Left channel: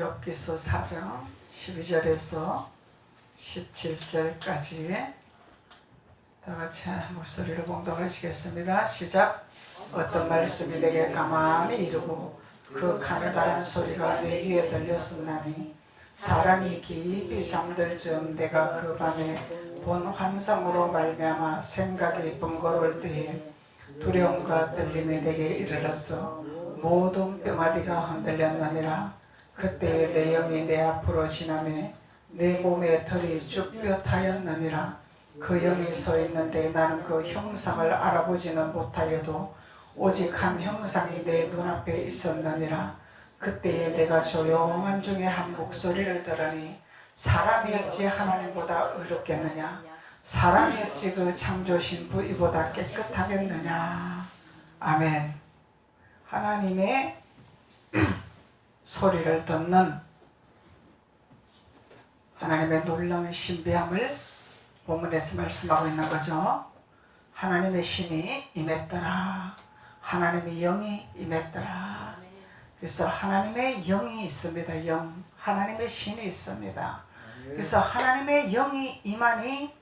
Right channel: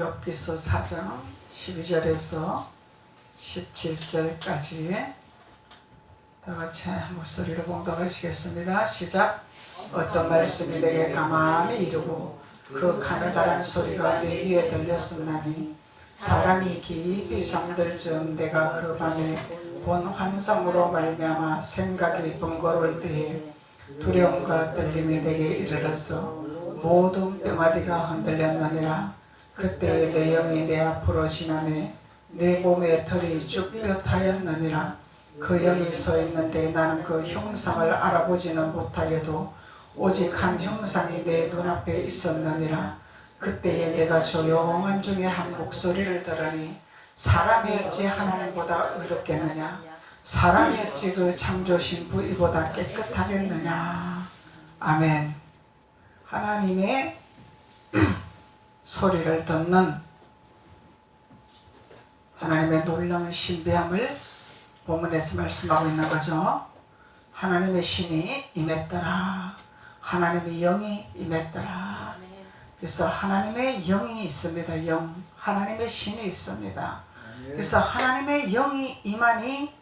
욥기서 4장 12절에서 17절까지 다같이 목소리로 봉독하시겠습니다. 시작. 어떤 말씀이 내게 가만히 이르고 그 가느다란 소리가 내 귀에 들렸었나니 사람이 깊이 잠들 즈음 내가 그 밤에 본 환상으로 말미암아 생각이 번거로울 때에 두려움과 떨림이 내게 이르렀어 모든 뼈마디가 흔들렸느니라. 그때에 내 영이 내 앞으로 지나매 내 몸의 털이 쭉뼈타였느니라. 그 영이 서 있는데 나는 그 형상을 알아보지는 못하여도 오직 한 형상이 내 눈앞에 있었느니라. 그때에 내가 조용한 중에 한 목소리를 들으니 사람이 어찌 하나님보다 의롭겠느냐, 사람이 어찌 그 창조신부 이보다 깨끗하겠느냐. 아멘. 하나님의 소리를 듣는 하나님의 놀라운 신비함을 본문에서 말씀하고 있는 거죠. 하나님의 신이 임했더라. 하나님의 영이 임했더라. 그래서 하나님의 영이 있습니다. 영. 하나님의 신이 있습니다. 그래서 하나님의 영이 임하니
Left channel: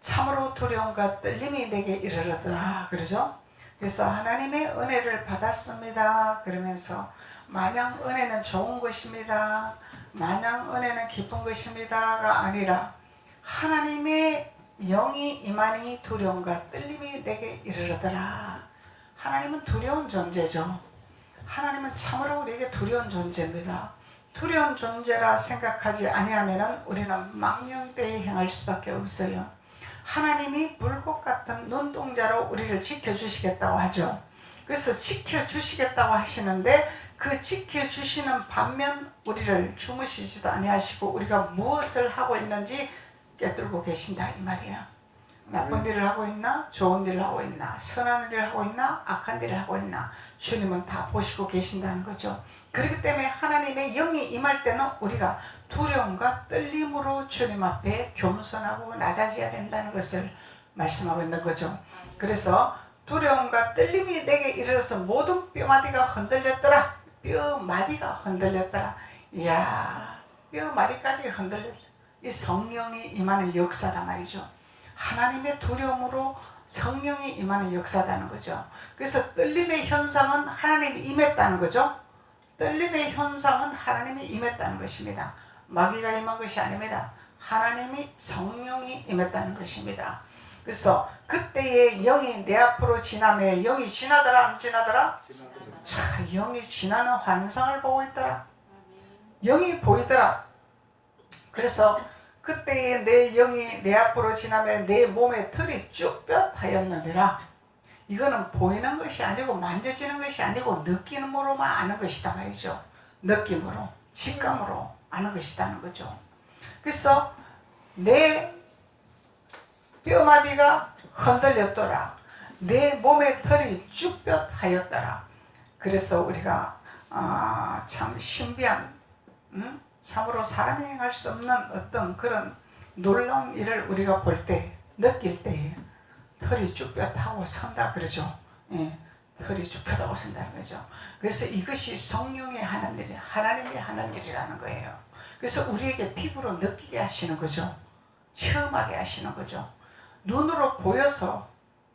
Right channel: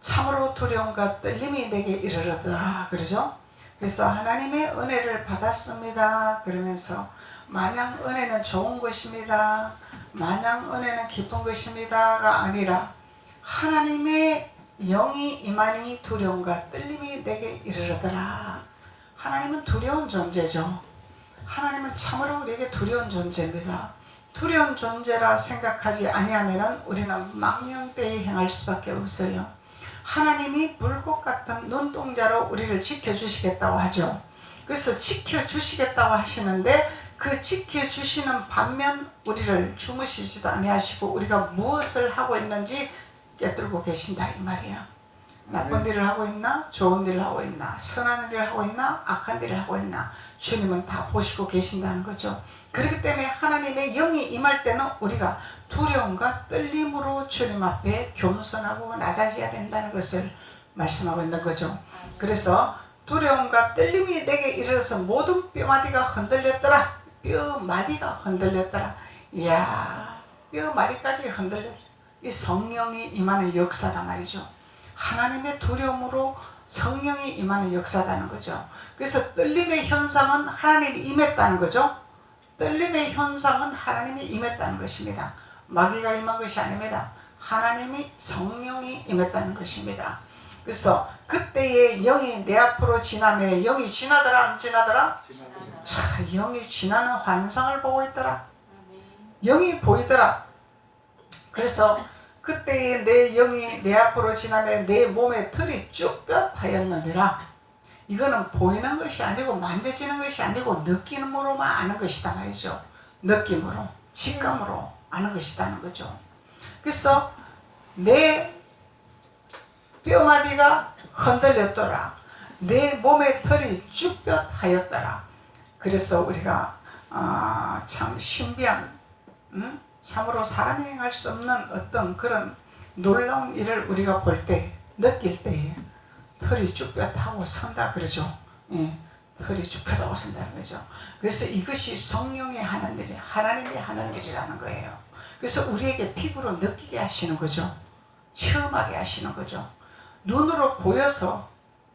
참으로 두려움과 떨림이 내게 이르르더라. 그러죠? 그래서 하나님의 은혜를 받았습니다. 그러면서 마냥 은혜는 좋은 것입니다, 마냥 은혜는 기쁜 것입니다가 아니라 하나님의 영이 임하니 두려움과 떨림이 내게 이르르더라. 하나님은 두려운 존재죠. 하나님은 참으로 우리에게 두려운 존재입니다. 두려운 존재라 생각하지 아니하면 우리는 망령되이 행할 수밖에 없어요. 하나님이 불꽃 같은 눈동자로 우리를 지켜주시겠다고 하죠. 그래서 지켜주시겠다고 하시는데 그 지켜주시는 반면 우리를 주무시지도 아니하시고 우리가 무엇을 하고 있는지 꿰뚫고 계신다 이 말이야. 나쁜 일을 하고 있나, 좋은 일을 하고 있나, 선한 일을 하고 있나, 악한 일을 하고 있나, 주님은 다 보시고 계신다는 거죠. 그렇기 때문에 하나님의 영이 임할 때는 우리가 두려움과 떨림으로 주님 앞에 겸손하고 낮아져야 된다는 것을 말씀하고 있는 거죠. 그래서 두려움과 떨림이 내게 이르러서 모든 뼈마디가 흔들렸더라. 뼈마디가 흔들렸더라. 이야, 뼈마디까지 흔들렸더라. 이 성령이 임하는 역사다 말이죠. 하나님의 두려움으로 성령이 임하는 역사라는 거죠. 그래서 떨림의 현상은 하나님이 임했다는 거죠. 떨림의 현상은 하나님이 임했다는 것입니다. 마귀가 임한 것이 아닙니다. 하나님이 성령이 임했다는 것입니다. 그래서 그때의 영이 내 앞으로 지나매 영이 지나더라 안 지나더라? 자, 영이 지나는 환상을 보고 있더라. 영이 보이더라. 그래서 그때의 내 영이 내 앞으로 지나매 내 몸의 털이 쭉뼈타였느니라. 이거는 보이는 것이 아니고 만져지는 것이 아니고 느낌으로만 아는 것이다 말이죠. 느낌으로, 직감으로 아는 것이라는 거죠. 그래서 내 뼈마디가 흔들렸더라. 내 몸의 털이 쭉뼈타였더라. 그래서 우리가 참 신비한 참으로 사람이 행할 수 없는 어떤 그런 놀라운 일을 우리가 볼 때, 느낄 때에 털이 쭉뼈타고 선다 그러죠. 예, 털이 쭉뼈타고 선다는 거죠. 그래서 이것이 성령이 하는 일이, 하나님이 하는 일이라는 거예요. 그래서 우리에게 피부로 느끼게 하시는 거죠. 체험하게 하시는 거죠. 눈으로 보여서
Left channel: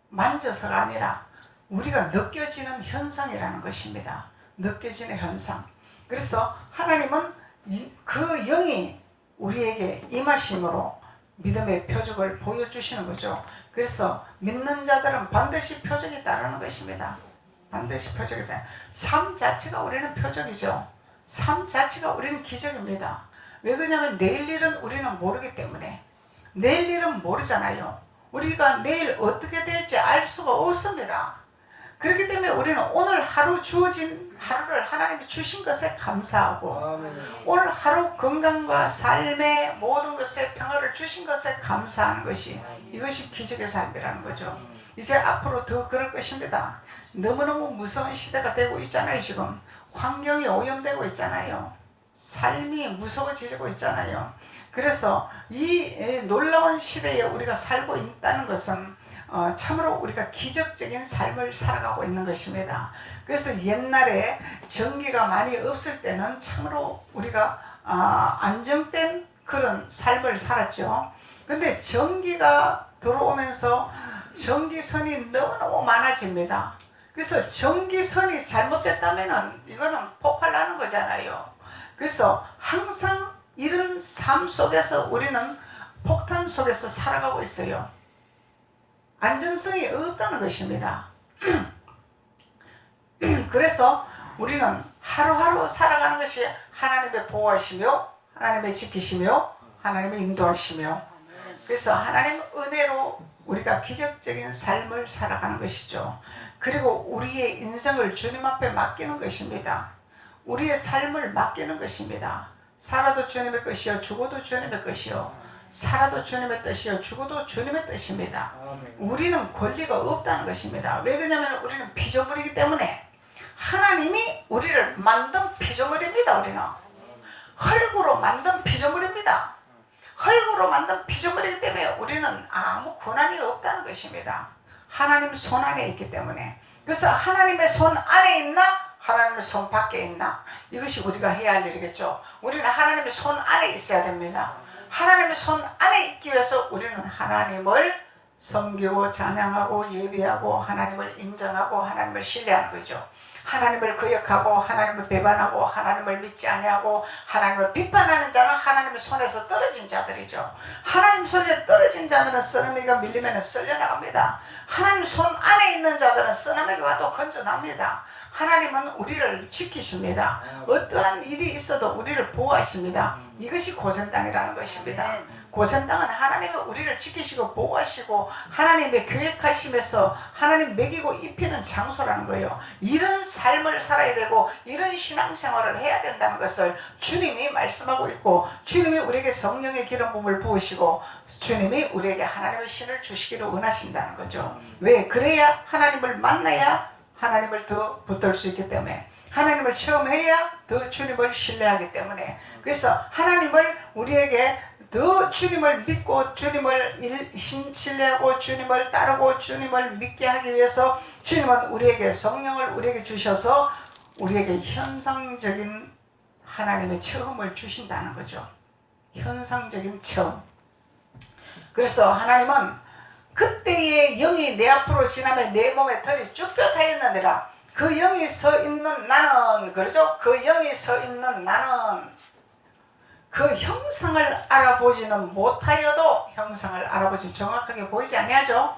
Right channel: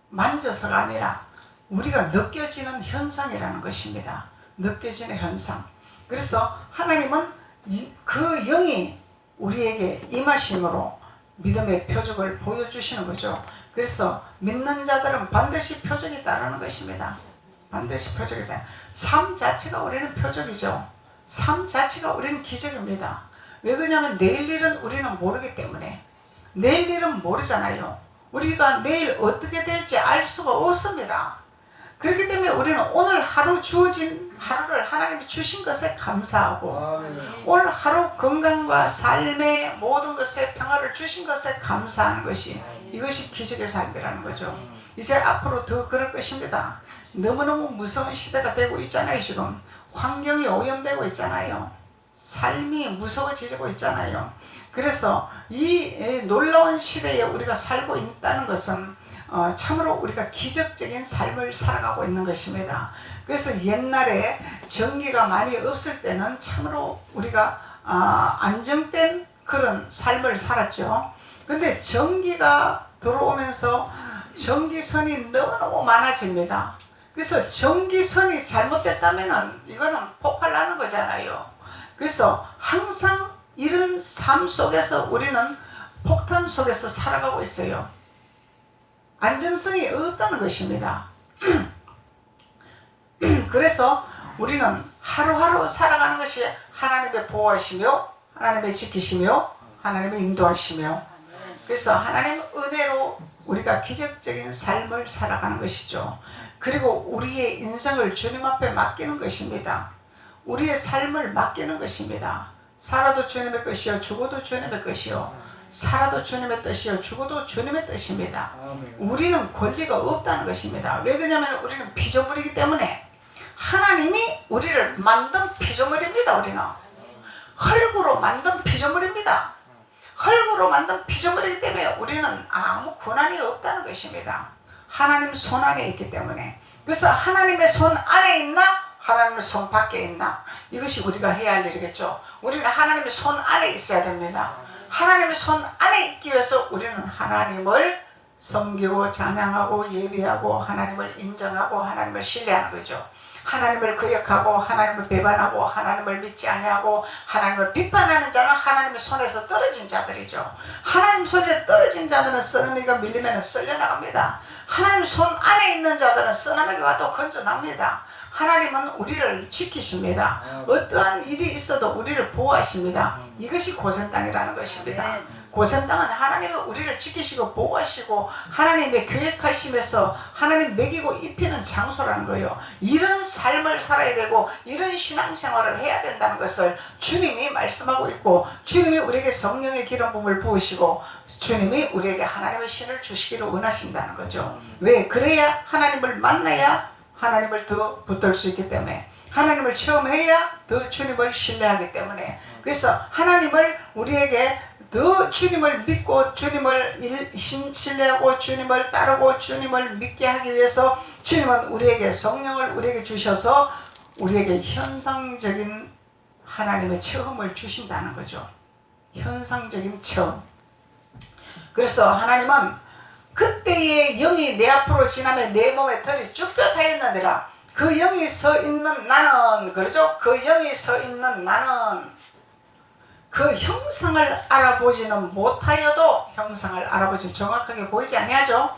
만져서가 아니라 우리가 느껴지는 현상이라는 것입니다. 느껴지는 현상. 그래서 하나님은 그 영이 우리에게 임하심으로 믿음의 표적을 보여주시는 거죠. 그래서 믿는 자들은 반드시 표적이 따르는 것입니다. 반드시 표적이 따르는. 삶 자체가 우리는 표적이죠. 삶 자체가 우리는 기적입니다. 왜 그러냐면 내일 일은 우리는 모르기 때문에. 내일 일은 모르잖아요. 우리가 내일 어떻게 될지 알 수가 없습니다. 그렇기 때문에 우리는 오늘 하루 주어진 하루를 하나님이 주신 것에 감사하고 오늘 하루 건강과 삶의 모든 것에 평화를 주신 것에 감사하는 것이 이것이 기적의 삶이라는 거죠. 이제 앞으로 더 그럴 것입니다. 너무너무 무서운 시대가 되고 있잖아요. 지금 환경이 오염되고 있잖아요. 삶이 무서워지고 있잖아요. 그래서 이 놀라운 시대에 우리가 살고 있다는 것은 참으로 우리가 기적적인 삶을 살아가고 있는 것입니다. 그래서 옛날에 전기가 많이 없을 때는 참으로 우리가 안정된 그런 삶을 살았죠. 근데 전기가 들어오면서 전기선이 너무너무 많아집니다. 그래서 전기선이 잘못됐다면 이거는 폭발나는 거잖아요. 그래서 항상 이런 삶 속에서 우리는 폭탄 속에서 살아가고 있어요. 안전성이 없다는 것입니다. 그래서 우리는 하루하루 살아가는 것이 하나님의 보호하시며 하나님의 지키시며 하나님의 인도하시며, 그래서 하나님의 은혜로 우리가 기적적인 삶을 살아가는 것이죠. 그리고 우리의 인생을 주님 앞에 맡기는 것입니다. 우리의 삶을 맡기는 것입니다. 살아도 주님의 것이요 죽어도 주님의 것이요, 살아도 주님의 뜻이요 죽어도 주님의 뜻입니다. 우리는 권리가 없다는 것입니다. 왜 그러냐면 우리는 피조물이기 때문에, 하나님이 우리를 만든 피조물입니다. 우리는 흙으로 만든 피조물입니다. 흙으로 만든 피조물이기 때문에 우리는 아무 권한이 없다는 것입니다. 하나님 손 안에 있기 때문에. 그래서 하나님의 손 안에 있나 하나님의 손 밖에 있나, 이것이 우리가 해야 할 일이겠죠. 우리는 하나님의 손 안에 있어야 됩니다. 하나님의 손 안에 있기 위해서 우리는 하나님을 섬기고 찬양하고 예배하고 하나님을 인정하고 하나님을 신뢰하는 거죠. 하나님을 거역하고 하나님을 배반하고 하나님을 믿지 아니하고 하나님을 비판하는 자는 하나님의 손에서 떨어진 자들이죠. 하나님 손에 떨어진 자들은 쓰나미가 밀리면 쓸려나갑니다. 하나님 손 안에 있는 자들은 쓰나미가 와도 건져납니다. 하나님은 우리를 지키십니다. 어떠한 일이 있어도 우리를 보호하십니다. 이것이 고센땅이라는 것입니다. 고센땅은 하나님은 우리를 지키시고 보호하시고 하나님의 계획하심에서 하나님 먹이고 입히는 장소라는 거예요. 이런 삶을 살아야 되고 이런 신앙생활을 해야 된다는 것을 주님이 말씀하고 있고, 주님이 우리에게 성령의 기름 부음을 부으시고 주님이 우리에게 하나님의 신을 주시기를 원하신다는 거죠. 왜? 그래야 하나님을 만나야 하나님을 더 붙들 수 있기 때문에, 하나님을 체험해야 더 주님을 신뢰하기 때문에. 그래서 하나님을 우리에게 더 주님을 믿고 주님을 신뢰하고 주님을 따르고 주님을 믿게 하기 위해서 주님은 우리에게 성령을 우리에게 주셔서 우리에게 현상적인 하나님의 체험을 주신다는 거죠. 현상적인 체험. 그래서 하나님은 그때의 영이 내 앞으로 지나면 내 몸에 털이 쭉 뼈타였느니라. 그 영이 서 있는 나는, 그러죠? 그 영이 서 있는 나는 그 형상을 알아보지는 못하여도, 형상을 알아보지 정확하게 보이지 아니하죠.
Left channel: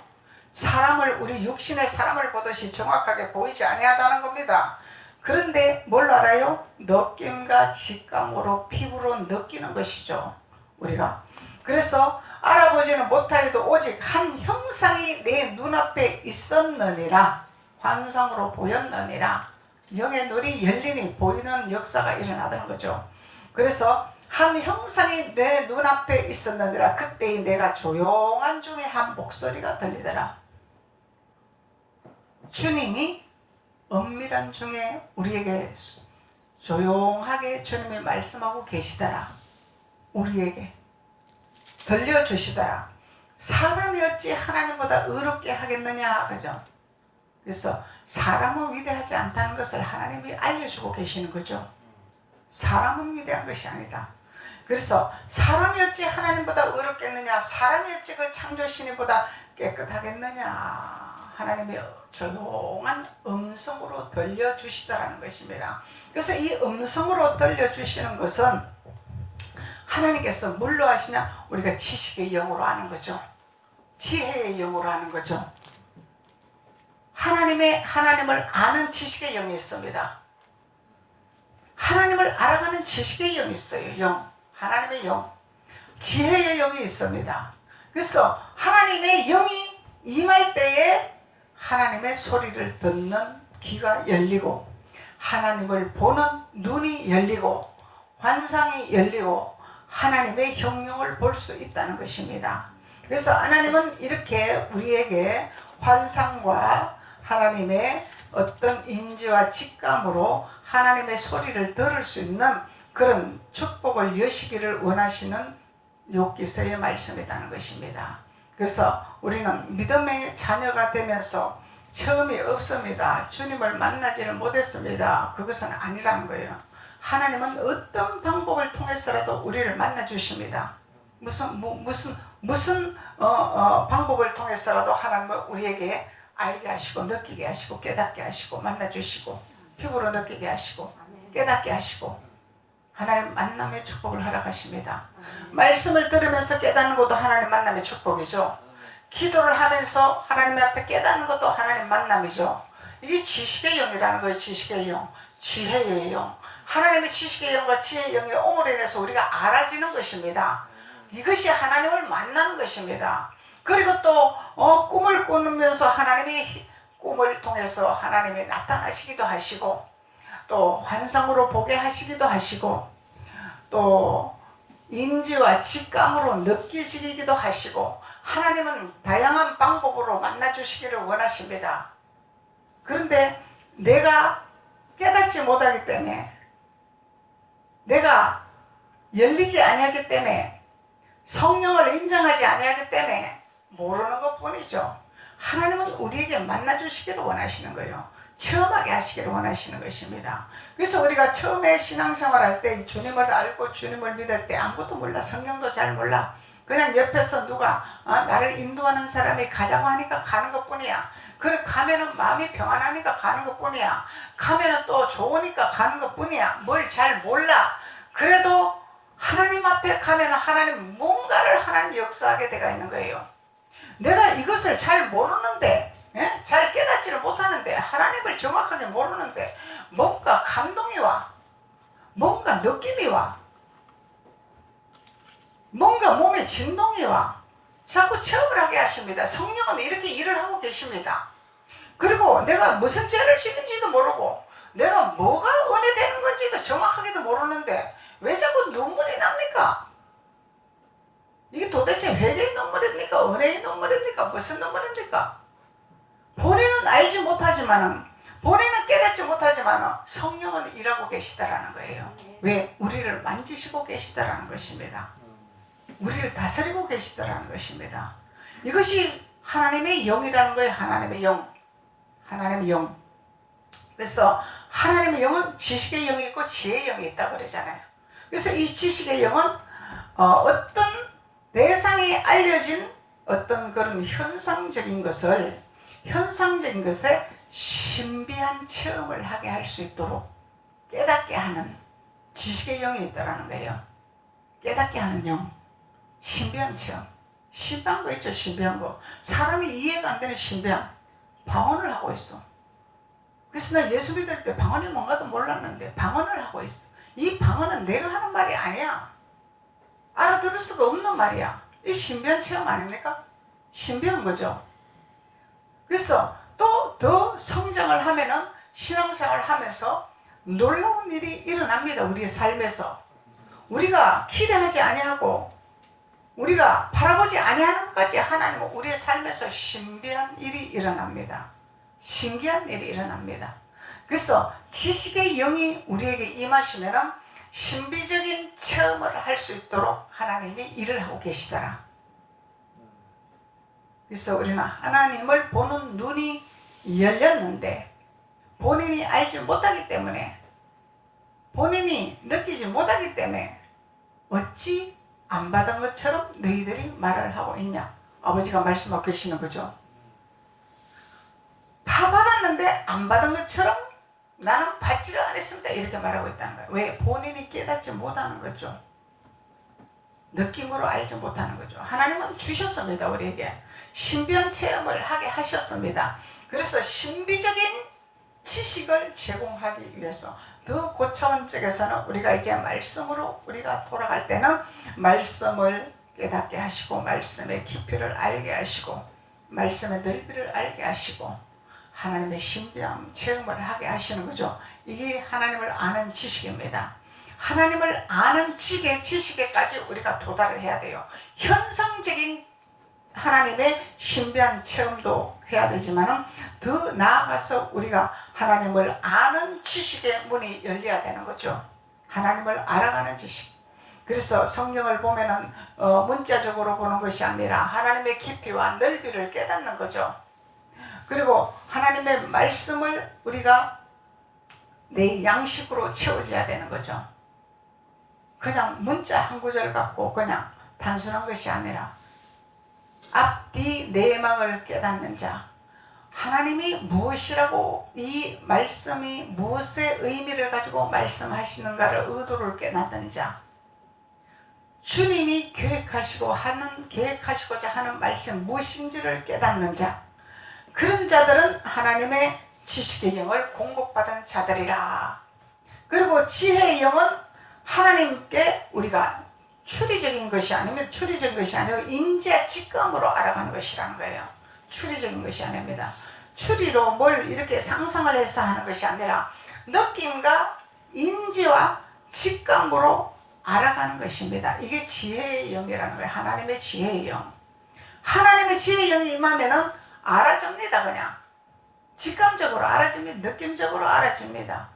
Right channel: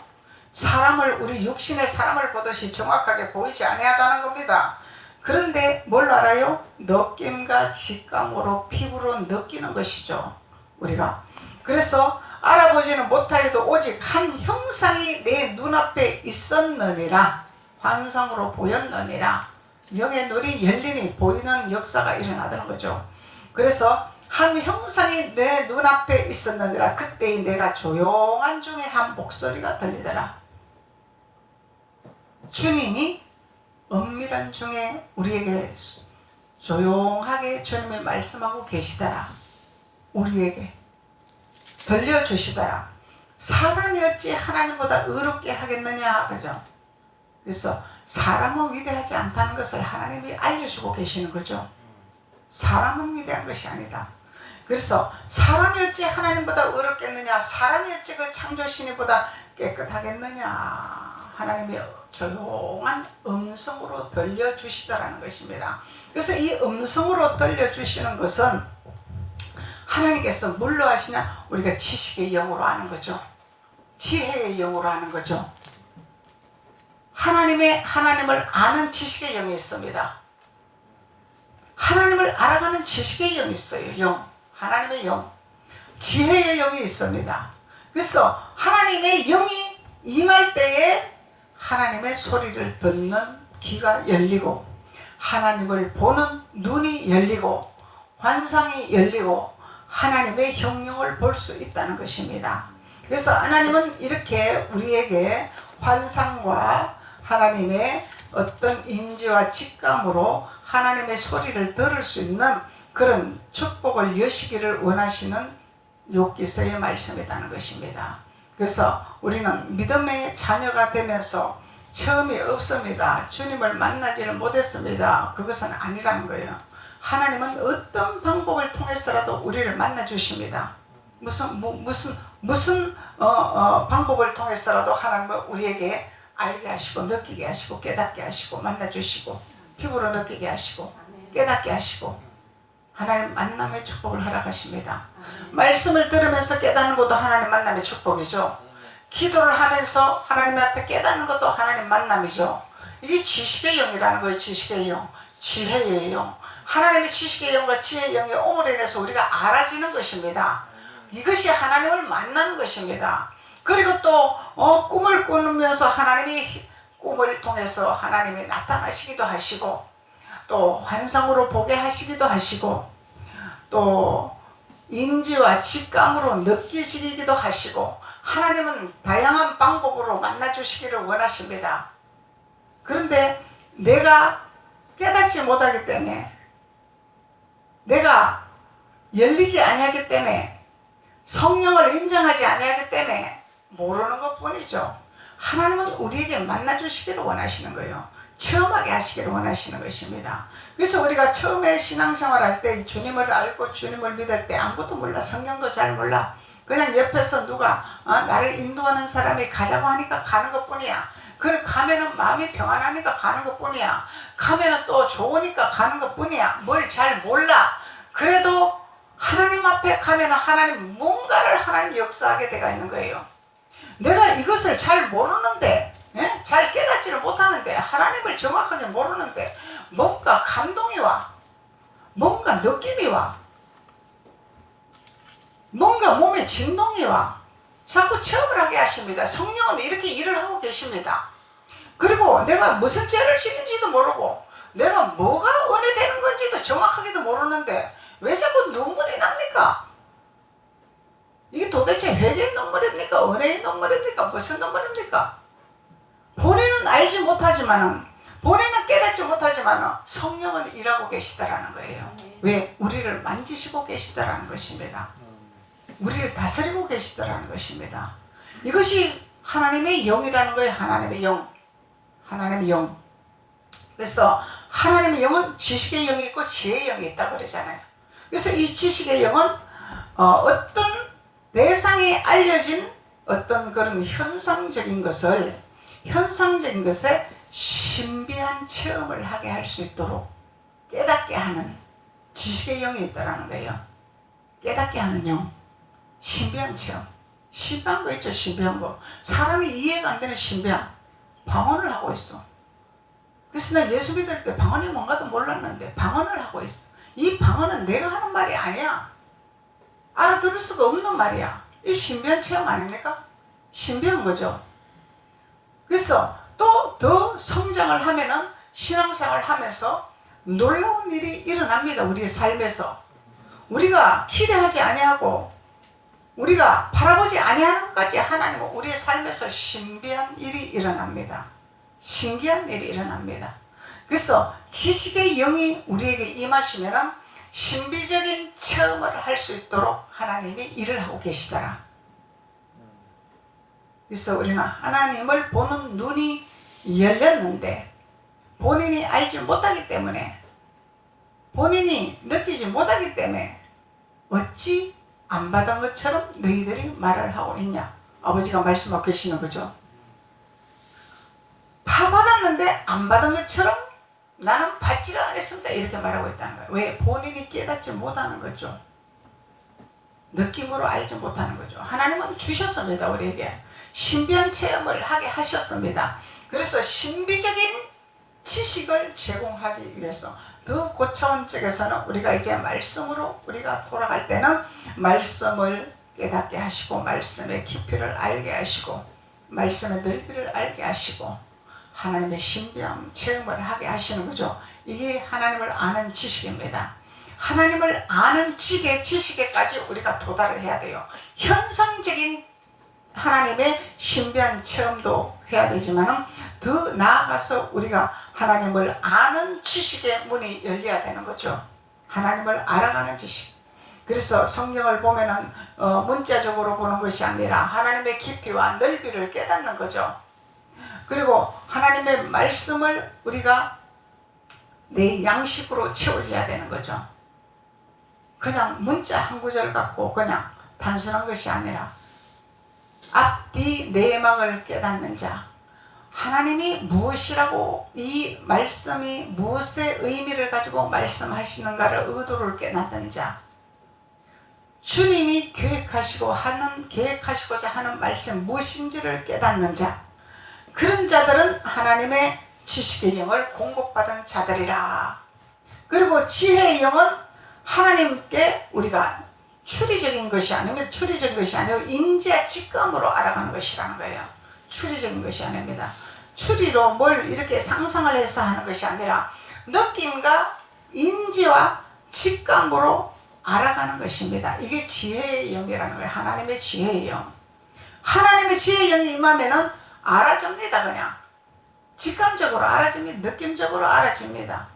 사람을, 우리 육신의 사람을 보듯이 정확하게 보이지 아니하다는 겁니다. 그런데 뭘 알아요? 느낌과 직감으로 피부로 느끼는 것이죠, 우리가. 그래서 알아보지는 못하여도 오직 한 형상이 내 눈앞에 있었느니라. 환상으로 보였느니라. 영의 눈이 열리니 보이는 역사가 일어나는 거죠. 그래서 한 형상이 내 눈앞에 있었느니라. 그때 내가 조용한 중에 한 목소리가 들리더라. 주님이 은밀한 중에 우리에게 조용하게 주님이 말씀하고 계시더라. 우리에게 들려주시더라. 사람이 어찌 하나님보다 의롭게 하겠느냐, 그죠? 그래서 사람은 위대하지 않다는 것을 하나님이 알려주고 계시는 거죠. 사람은 위대한 것이 아니다. 그래서 사람이 어찌 하나님보다 의롭겠느냐, 사람이 어찌 그 창조신이보다 깨끗하겠느냐, 하나님이 조용한 음성으로 들려주시더라는 것입니다. 그래서 이 음성으로 들려주시는 것은 하나님께서 뭘로 하시냐? 우리가 지식의 영으로 하는 거죠. 지혜의 영으로 하는 거죠. 하나님을 아는 지식의 영이 있습니다. 하나님을 알아가는 지식의 영이 있어요. 영. 하나님의 영. 지혜의 영이 있습니다. 그래서 하나님의 영이 임할 때에 하나님의 소리를 듣는 귀가 열리고, 하나님을 보는 눈이 열리고, 환상이 열리고, 하나님의 형용을 볼 수 있다는 것입니다. 그래서 하나님은 이렇게 우리에게 환상과 하나님의 어떤 인지와 직감으로 하나님의 소리를 들을 수 있는 그런 축복을 여시기를 원하시는 욥기서의 말씀이라는 것입니다. 그래서 우리는 믿음의 자녀가 되면서 처음이 없습니다. 주님을 만나지를 못했습니다. 그것은 아니라는 거예요. 하나님은 어떤 방법을 통해서라도 우리를 만나 주십니다. 무슨 방법을 통해서라도 하나님은 우리에게 알게 하시고 느끼게 하시고 깨닫게 하시고 만나 주시고 피부로 느끼게 하시고 깨닫게 하시고 하나님 만남의 축복을 허락하십니다. 말씀을 들으면서 깨닫는 것도 하나님 만남의 축복이죠. 기도를 하면서 하나님 앞에 깨닫는 것도 하나님 만남이죠. 이게 지식의 영이라는 거예요. 지식의 영, 지혜의 영. 하나님의 지식의 영과 지혜의 영이 옴을 인해서 우리가 알아지는 것입니다. 이것이 하나님을 만나는 것입니다. 그리고 또 꿈을 꾸면서 하나님이 꿈을 통해서 하나님이 나타나시기도 하시고 또 환상으로 보게 하시기도 하시고 또 인지와 직감으로 느끼시기도 하시고 하나님은 다양한 방법으로 만나주시기를 원하십니다. 그런데 내가 깨닫지 못하기 때문에 내가 열리지 아니하기 때문에 성령을 인정하지 아니하기 때문에 모르는 것뿐이죠. 하나님은 우리에게 만나주시기를 원하시는 거예요. 체험하게 하시기를 원하시는 것입니다. 그래서 우리가 처음에 신앙생활할 때 주님을 알고 주님을 믿을 때 아무것도 몰라. 성경도 잘 몰라. 그냥 옆에서 누가 나를 인도하는 사람이 가자고 하니까 가는 것뿐이야. 그럼 가면은 마음이 평안하니까 가는 것뿐이야. 가면은 또 좋으니까 가는 것뿐이야. 뭘 잘 몰라. 그래도 하나님 앞에 가면은 하나님 뭔가를 하나님 역사하게 돼가 있는 거예요. 내가 이것을 잘 모르는데 잘 깨닫지를 못하는데 하나님을 정확하게 모르는데 뭔가 감동이 와. 뭔가 느낌이 와. 뭔가 몸에 진동이 와. 자꾸 체험을 하게 하십니다. 성령은 이렇게 일을 하고 계십니다. 그리고 내가 무슨 죄를 지는지도 모르고 내가 뭐가 은혜되는 건지도 정확하게도 모르는데 왜 자꾸 눈물이 납니까? 이게 도대체 회개의 눈물입니까? 은혜의 눈물입니까? 무슨 눈물입니까? 본인은 알지 못하지만 본인은 깨닫지 못하지만 성령은 일하고 계시다라는 거예요. 왜? 우리를 만지시고 계시다라는 것입니다. 우리를 다스리고 계시다라는 것입니다. 이것이 하나님의 영이라는 거예요. 하나님의 영. 하나님의 영. 그래서 하나님의 영은 지식의 영이 있고 지혜의 영이 있다고 그러잖아요. 그래서 이 지식의 영은 어떤 대상에 알려진 어떤 그런 현상적인 것에 신비한 체험을 하게 할 수 있도록 깨닫게 하는 지식의 영이 있다는 거예요. 깨닫게 하는 영. 신비한 체험. 신비한 거 있죠. 신비한 거. 사람이 이해가 안 되는 신비한 방언을 하고 있어. 그래서 나 예수 믿을 때 방언이 뭔가도 몰랐는데 방언을 하고 있어. 이 방언은 내가 하는 말이 아니야. 알아들을 수가 없는 말이야. 이 신비한 체험 아닙니까? 신비한 거죠. 그래서 또 더 성장을 하면은 신앙생활을 하면서 놀라운 일이 일어납니다. 우리의 삶에서. 우리가 기대하지 아니하고 우리가 바라보지 아니하는 것까지 하나님은 우리의 삶에서 신비한 일이 일어납니다. 신기한 일이 일어납니다. 그래서 지식의 영이 우리에게 임하시면은 신비적인 체험을 할 수 있도록 하나님이 일을 하고 계시더라. 그래서 우리는 하나님을 보는 눈이 열렸는데 본인이 알지 못하기 때문에 본인이 느끼지 못하기 때문에 어찌 안 받은 것처럼 너희들이 말을 하고 있냐. 아버지가 말씀하고 계시는 거죠. 다 받았는데 안 받은 것처럼 나는 받지를 않았습니다. 이렇게 말하고 있다는 거예요. 왜? 본인이 깨닫지 못하는 거죠. 느낌으로 알지 못하는 거죠. 하나님은 주셨습니다. 우리에게 신비한 체험을 하게 하셨습니다. 그래서 신비적인 지식을 제공하기 위해서 더 고차원 쪽에서는 우리가 이제 말씀으로 우리가 돌아갈 때는 말씀을 깨닫게 하시고 말씀의 깊이를 알게 하시고 말씀의 넓이를 알게 하시고 하나님의 신비한 체험을 하게 하시는 거죠. 이게 하나님을 아는 지식입니다. 하나님을 아는 지식에까지 우리가 도달을 해야 돼요. 현상적인 하나님의 신비한 체험도 해야 되지만 더 나아가서 우리가 하나님을 아는 지식의 문이 열려야 되는 거죠. 하나님을 알아가는 지식. 그래서 성경을 보면은 문자적으로 보는 것이 아니라 하나님의 깊이와 넓이를 깨닫는 거죠. 그리고 하나님의 말씀을 우리가 내 양식으로 채워져야 되는 거죠. 그냥 문자 한 구절 갖고 그냥 단순한 것이 아니라 앞뒤 내막을 깨닫는 자, 하나님이 무엇이라고 이 말씀이 무엇의 의미를 가지고 말씀하시는가를 의도를 깨닫는 자, 주님이 계획하시고자 하는 말씀 무엇인지를 깨닫는 자, 그런 자들은 하나님의 지식의 영을 공급받은 자들이라. 그리고 지혜의 영은 하나님께 우리가 추리적인 것이 아니면 추리적인 것이 아니고 인지와 직감으로 알아가는 것이라는 거예요. 추리적인 것이 아닙니다. 추리로 뭘 이렇게 상상을 해서 하는 것이 아니라 느낌과 인지와 직감으로 알아가는 것입니다. 이게 지혜의 영이라는 거예요. 하나님의 지혜의 영. 하나님의 지혜의 영이 임하면은 알아집니다. 그냥 직감적으로 알아집니다. 느낌적으로 알아집니다.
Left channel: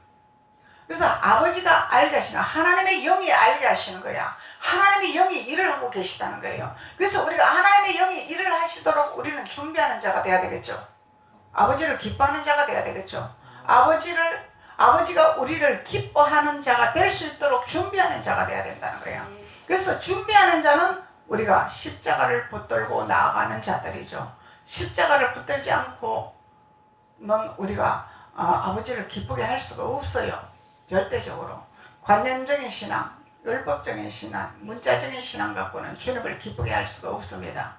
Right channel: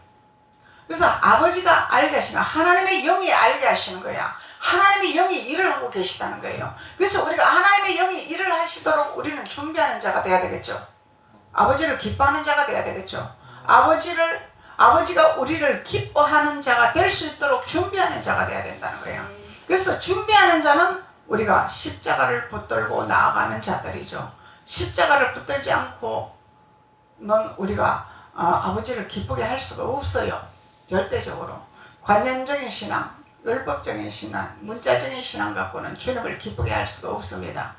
그래서 아버지가 알게 하시는, 하나님의 영이 알게 하시는 거야. 하나님의 영이 일을 하고 계시다는 거예요. 그래서 우리가 하나님의 영이 일을 하시도록 우리는 준비하는 자가 돼야 되겠죠. 아버지를 기뻐하는 자가 돼야 되겠죠. 아버지가 우리를 기뻐하는 자가 될 수 있도록 준비하는 자가 돼야 된다는 거예요. 그래서 준비하는 자는 우리가 십자가를 붙들고 나아가는 자들이죠. 십자가를 붙들지 않고는 우리가 아버지를 기쁘게 할 수가 없어요. 절대적으로. 관념적인 신앙, 율법적인 신앙, 문자적인 신앙 갖고는 주님을 기쁘게 할 수가 없습니다.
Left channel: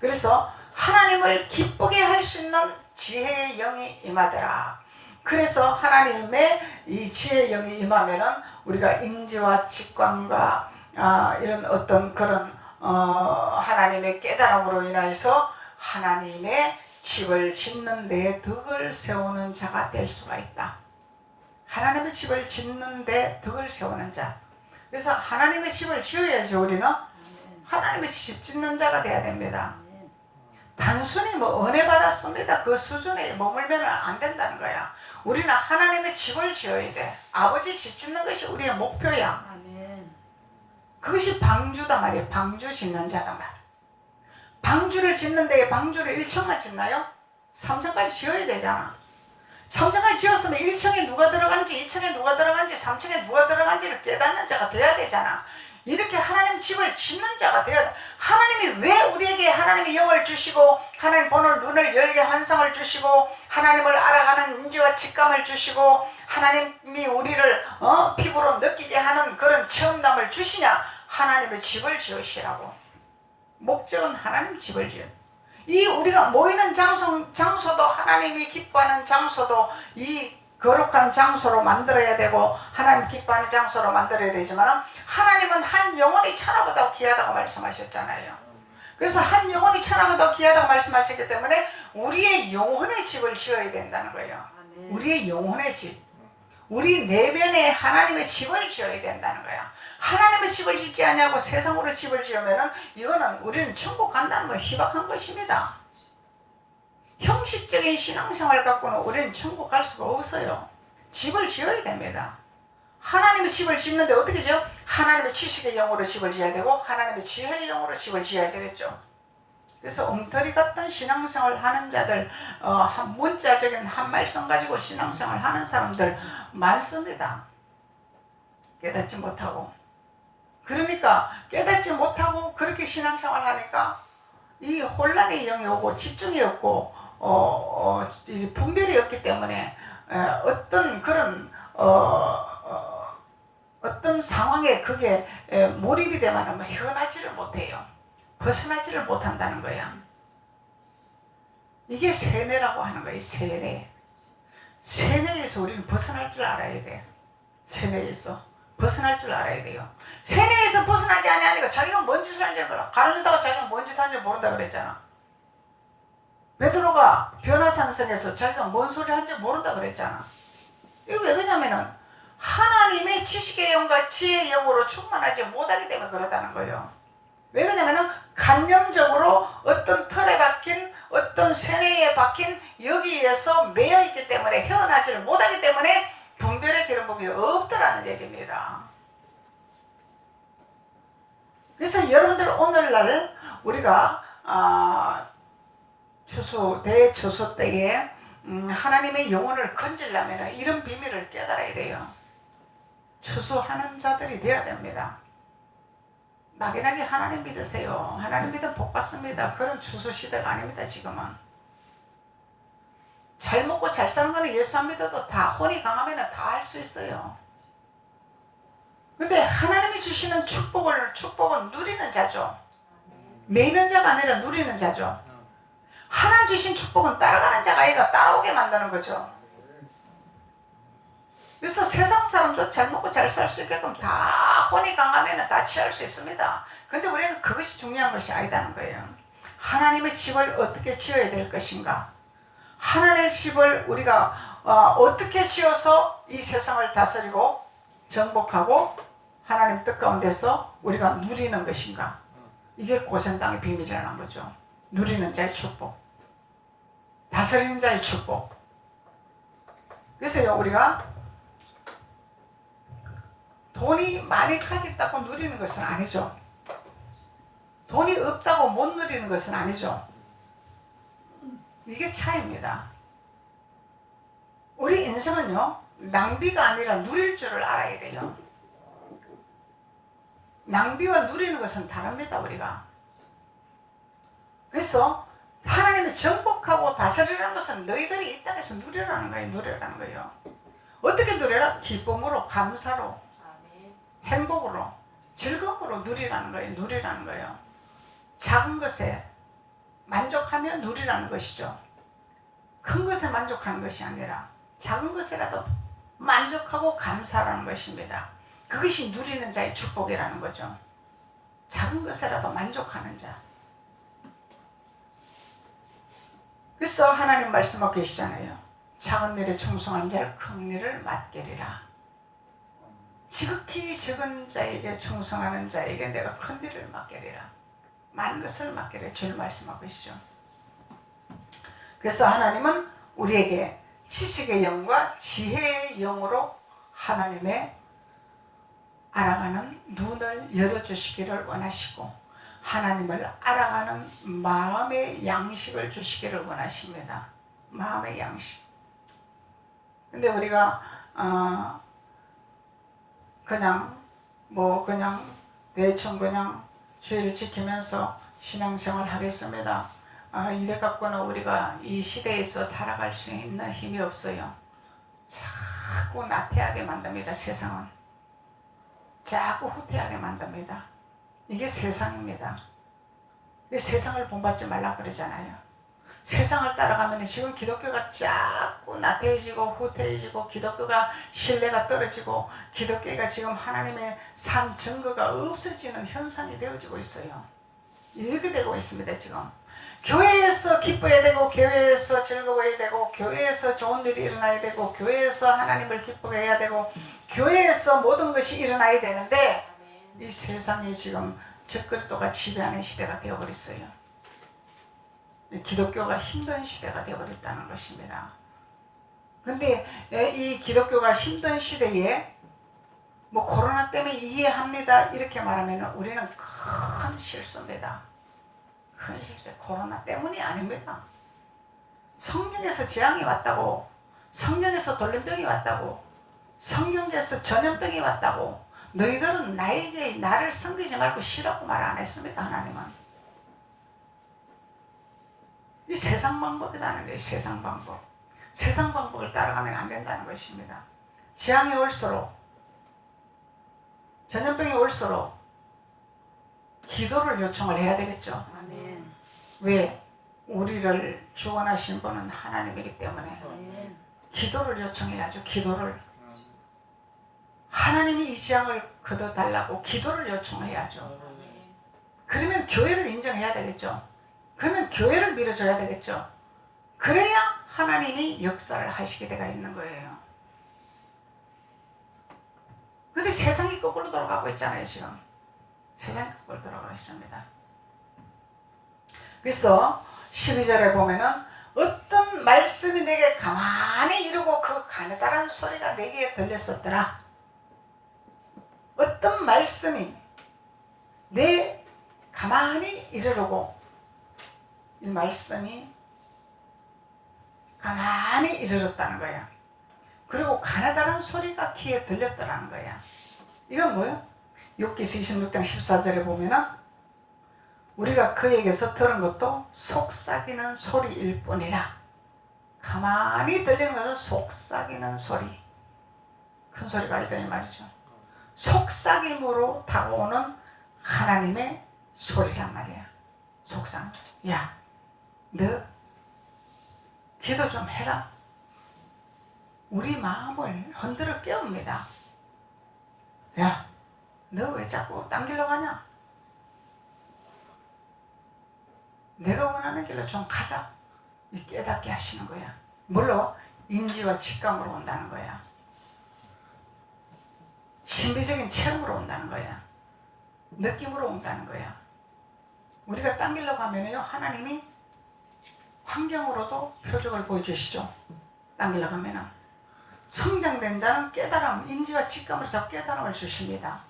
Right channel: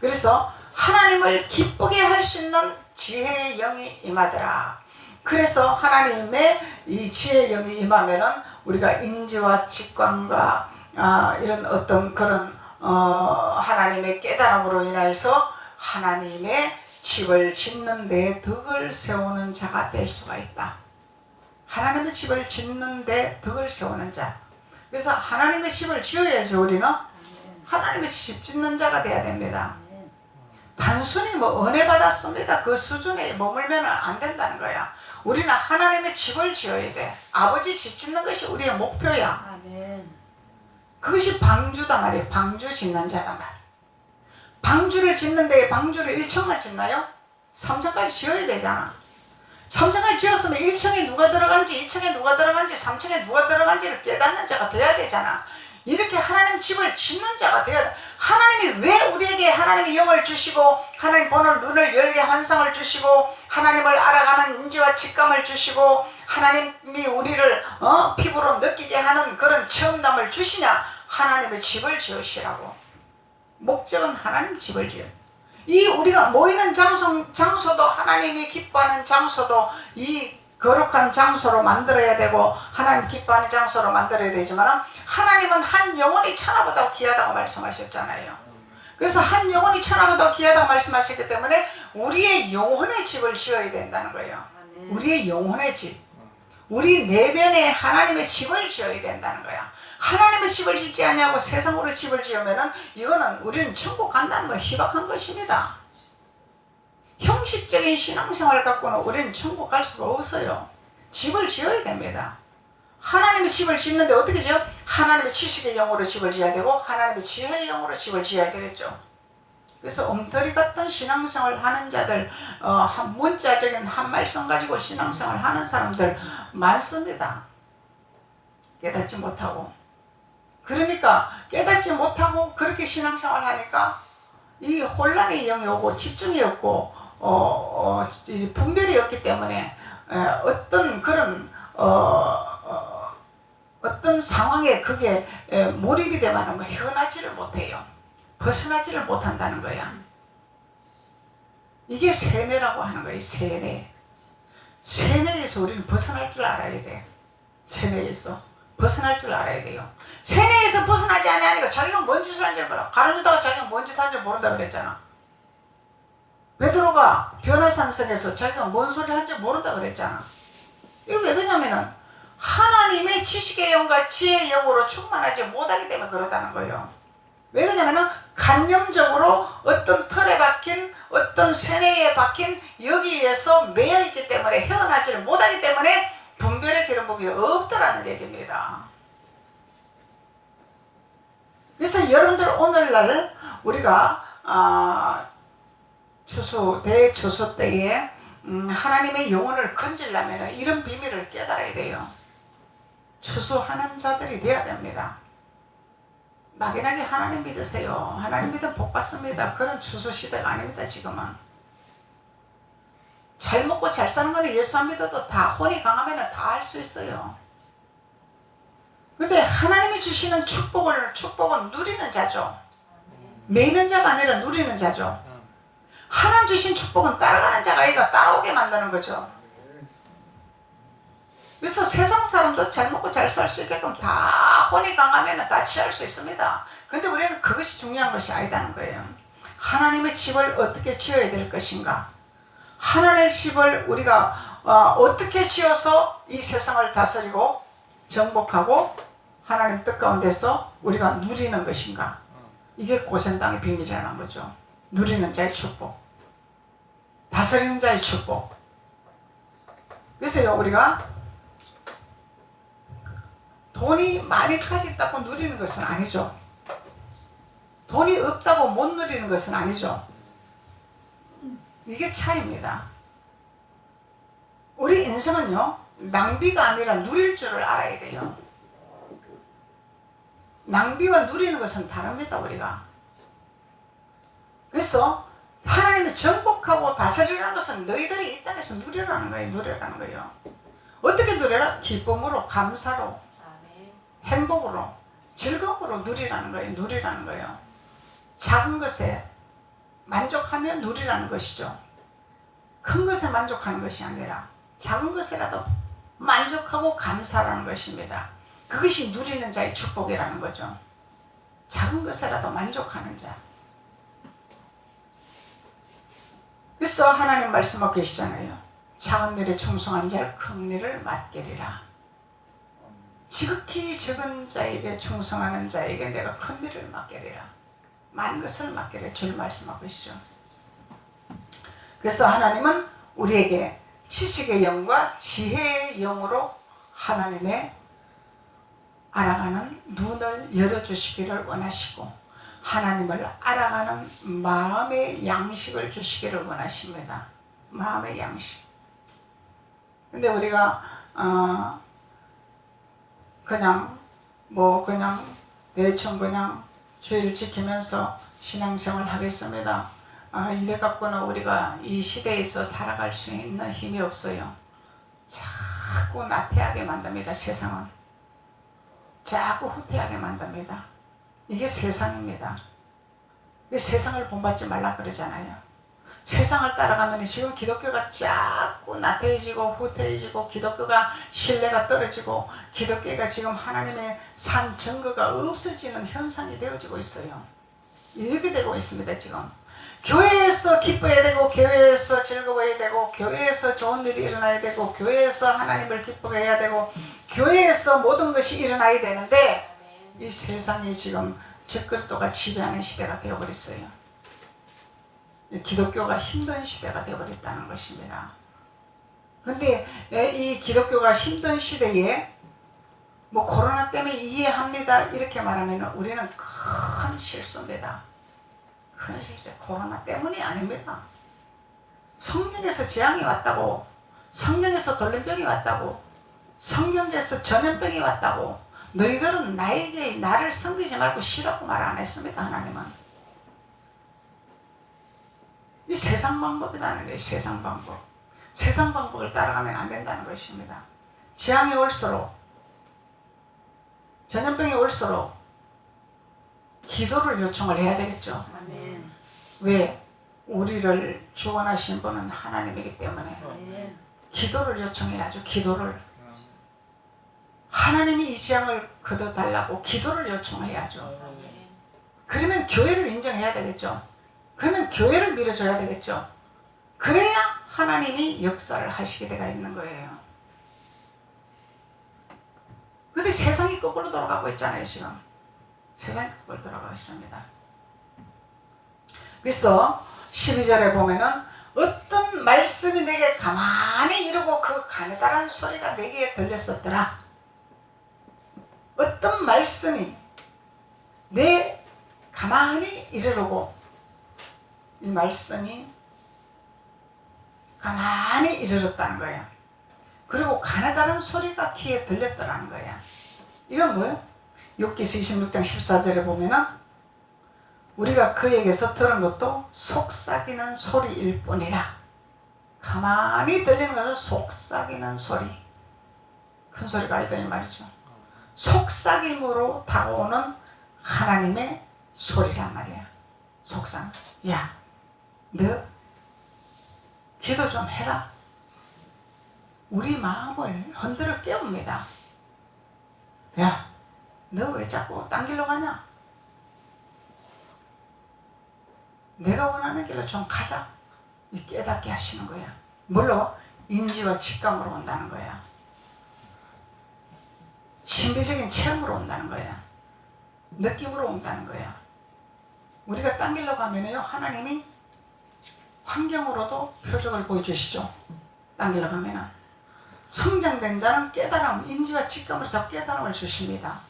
그래서 하나님을 기쁘게 할 수 있는 지혜의 영이 임하더라. 그래서 하나님의 이 지혜의 영이 임하면은 우리가 인지와 직감과 이런 어떤 그런 하나님의 깨달음으로 인해서 하나님의 집을 짓는 데 덕을 세우는 자가 될 수가 있다. 하나님의 집을 짓는 데 덕을 세우는 자. 그래서 하나님의 집을 지어야지 우리는 하나님의 집 짓는 자가 돼야 됩니다. 단순히 은혜 받았습니다. 그 수준에 머물면 안 된다는 거야. 우리는 하나님의 집을 지어야 돼. 아버지 집 짓는 것이 우리의 목표야. 그것이 방주다 말이에요. 방주 짓는 자다 말. 방주를 짓는데 방주를 1층만 짓나요? 3층까지 지어야 되잖아. 3층까지 지었으면 1층에 누가 들어간지 2층에 누가 들어간지 3층에 누가 들어간지를 깨닫는 자가 돼야 되잖아. 이렇게 하나님 집을 짓는 자가 되어야 돼. 하나님이 왜 우리에게 하나님의 영을 주시고 하나님 보는 눈을 열게 환상을 주시고 하나님을 알아가는 인지와 직감을 주시고 하나님이 우리를 피부로 느끼게 하는 그런 체험담을 주시냐? 하나님의 집을 지으시라고. 목적은 하나님 집을 지어. 이 우리가 모이는 장소도 하나님이 기뻐하는 장소도 이 거룩한 장소로 만들어야 되고 하나님 기뻐하는 장소로 만들어야 되지만 하나님은 한 영혼이 천하보다 귀하다고 말씀하셨잖아요. 그래서 한 영혼이 천하보다 귀하다고 말씀하셨기 때문에 우리의 영혼의 집을 지어야 된다는 거예요. 우리의 영혼의 집. 우리 내면에 하나님의 집을 지어야 된다는 거야. 하나님의 집을 짓지 않냐고 세상으로 집을 지으면은 이거는 우리는 천국 간다는 건 희박한 것입니다. 형식적인 신앙생활 갖고는 우리는 천국 갈 수가 없어요. 집을 지어야 됩니다. 하나님의 집을 짓는데 어떻게 지어? 하나님의 지식의 영으로 집을 지어야 되고 하나님의 지혜의 영으로 집을 지어야 되겠죠. 그래서 엉터리 같은 신앙생활 하는 자들, 문자적인 한 말씀 가지고 신앙생활 하는 사람들 많습니다. 깨닫지 못하고. 그러니까 깨닫지 못하고 그렇게 신앙생활 하니까 이 혼란의 영이 오고 집중이 없고 분별이 없기 때문에 어떤 그런 어떤 상황에 그게 몰입이 되면 헤어나지를 못해요. 벗어나지를 못한다는 거야. 이게 세뇌라고 하는 거예요. 세뇌. 세뇌에서 우리는 벗어날 줄 알아야 돼. 세뇌에서 벗어날 줄 알아야 돼요. 세뇌에서 벗어나지 않으니까 자기가 뭔 짓을 하는지를 몰라. 가르치다가 자기가 뭔 짓을 하는지 모른다 그랬잖아. 베드로가 변화산성에서 자기가 뭔 소리를 할지 모른다 그랬잖아. 이거 왜 그러냐면은 하나님의 지식의 영과 지혜의 영으로 충만하지 못하기 때문에 그렇다는 거예요. 왜 그러냐면은 관념적으로 어떤 틀에 박힌 어떤 세뇌에 박힌 여기에서 매여있기 때문에 헤어나지를 못하기 때문에 분별의 기름붐이 없다라는 얘기입니다. 추수하는 자들이 되어야 됩니다. 막연하게 하나님 믿으세요. 하나님 믿으면 복 받습니다. 그런 추수 시대가 아닙니다. 지금은. 잘 먹고 잘 사는 거는 예수 안 믿어도 다 혼이 강하면 다 할 수 있어요. 근데 하나님이 주시는 축복은 누리는 자죠. 매이는 자가 아니라 누리는 자죠. 하나님 주신 축복은 따라가는 자가 아이가 따라오게 만드는 거죠. 그래서 세상 사람도 잘 먹고 잘 살 수 있게끔 다 혼이 강하면 다 취할 수 있습니다. 근데 우리는 그것이 중요한 것이 아니다는 거예요. 하나님의 집을 어떻게 지어야 될 것인가, 하나님의 집을 우리가 어떻게 지어서 이 세상을 다스리고 정복하고 하나님 뜻 가운데서 우리가 누리는 것인가, 이게 고생당의 비밀이라는 거죠. 누리는 자의 축복, 다스리는 자의 축복. 그래서요, 우리가 돈이 많이 가졌다고 누리는 것은 아니죠. 돈이 없다고 못 누리는 것은 아니죠. 이게 차이입니다. 우리 인생은요, 낭비가 아니라 누릴 줄을 알아야 돼요. 낭비와 누리는 것은 다릅니다. 우리가. 그래서 하나님이 정복하고 다스리라는 것은 너희들이 이 땅에서 누리라는 거예요. 누리라는 거예요. 어떻게 누려라? 기쁨으로, 감사로, 행복으로, 즐거움으로 누리라는 거예요. 누리라는 거예요. 작은 것에 만족하며 누리라는 것이죠. 큰 것에 만족하는 것이 아니라 작은 것이라도 만족하고 감사라는 것입니다. 그것이 누리는 자의 축복이라는 거죠. 작은 것이라도 만족하는 자. 그래서 하나님 말씀하고 계시잖아요. 작은 일에 충성한 자를 큰 일을 맡기리라. 지극히 적은 자에게 충성하는 자에게 내가 큰 일을 맡기리라. 많은 것을 맡기리라. 줄 말씀하고 계시죠. 그래서 하나님은 우리에게 지식의 영과 지혜의 영으로 하나님의 알아가는 눈을 열어주시기를 원하시고, 하나님을 알아가는 마음의 양식을 주시기를 원하십니다. 마음의 양식. 근데 우리가 그냥 대충 그냥 주의를 지키면서 신앙생활 하겠습니다. 이래 갖고는 우리가 이 시대에서 살아갈 수 있는 힘이 없어요. 자꾸 나태하게 만듭니다. 세상은 자꾸 후퇴하게 만듭니다. 이게 세상입니다. 세상을 본받지 말라 그러잖아요. 세상을 따라가면 지금 기독교가 자꾸 나태해지고 후퇴해지고, 기독교가 신뢰가 떨어지고, 기독교가 지금 하나님의 삶 증거가 없어지는 현상이 되어지고 있어요. 이렇게 되고 있습니다. 지금 교회에서 기뻐해야 되고, 교회에서 즐거워해야 되고, 교회에서 좋은 일이 일어나야 되고, 교회에서 하나님을 기쁘게 해야 되고, 교회에서 모든 것이 일어나야 되는데, 이 세상이 지금 적그리스도가 지배하는 시대가 되어버렸어요. 기독교가 힘든 시대가 되어버렸다는 것입니다. 그런데 이 기독교가 힘든 시대에 코로나 때문에 이해합니다 이렇게 말하면 우리는 큰 실수입니다. 큰 실수. 코로나 때문이 아닙니다. 성경에서 재앙이 왔다고, 성경에서 돌림병이 왔다고, 성경에서 전염병이 왔다고, 너희들은 나를 섬기지 말고 쉬라고 말 안 했습니다. 하나님은. 이 세상 방법이라는 거예요. 세상 방법. 세상 방법을 따라가면 안 된다는 것입니다. 재앙이 올수록, 전염병이 올수록 기도를 요청을 해야 되겠죠. 아멘. 왜? 우리를 주관하신 분은 하나님이기 때문에 기도를 요청해야죠. 기도를. 하나님이 이 재앙을 걷어달라고 기도를 요청해야죠. 그러면 교회를 인정해야 되겠죠. 그러면 교회를 밀어줘야 되겠죠. 그래야 하나님이 역사를 하시게 되가 있는 거예요. 그런데 세상이 거꾸로 돌아가고 있잖아요. 지금 세상이 거꾸로 돌아가고 있습니다. 그래서 12절에 보면은 어떤 말씀이 내게 가만히 이르고 그 가느다란 소리가 내게 들렸었더라. 어떤 말씀이 내 가만히 이르르고, 이 말씀이 가만히 이르렀다는 거야. 그리고 가느다란 소리가 귀에 들렸더라는 거야. 이건 뭐예요? 욥기서 26장 14절에 보면은 우리가 그에게서 들은 것도 속삭이는 소리일 뿐이라. 가만히 들리는 것은 속삭이는 소리, 큰 소리가 아니다 이 말이죠. 속삭임으로 다가오는 하나님의 소리란 말이야. 속삭임. 야, 너 기도 좀 해라. 우리 마음을 흔들어 깨웁니다. 야, 너 왜 자꾸 딴 길로 가냐? 내가 원하는 길로 좀 가자. 깨닫게 하시는 거야. 물론 인지와 직감으로 온다는 거야. 신비적인 체험으로 온다는 거야. 느낌으로 온다는 거야. 우리가 딴 길로 가면요, 하나님이 환경으로도 표적을 보여주시죠. 딴 길로 가면은 성장된 자는 깨달음, 인지와 직감으로 자꾸 깨달음을 주십니다.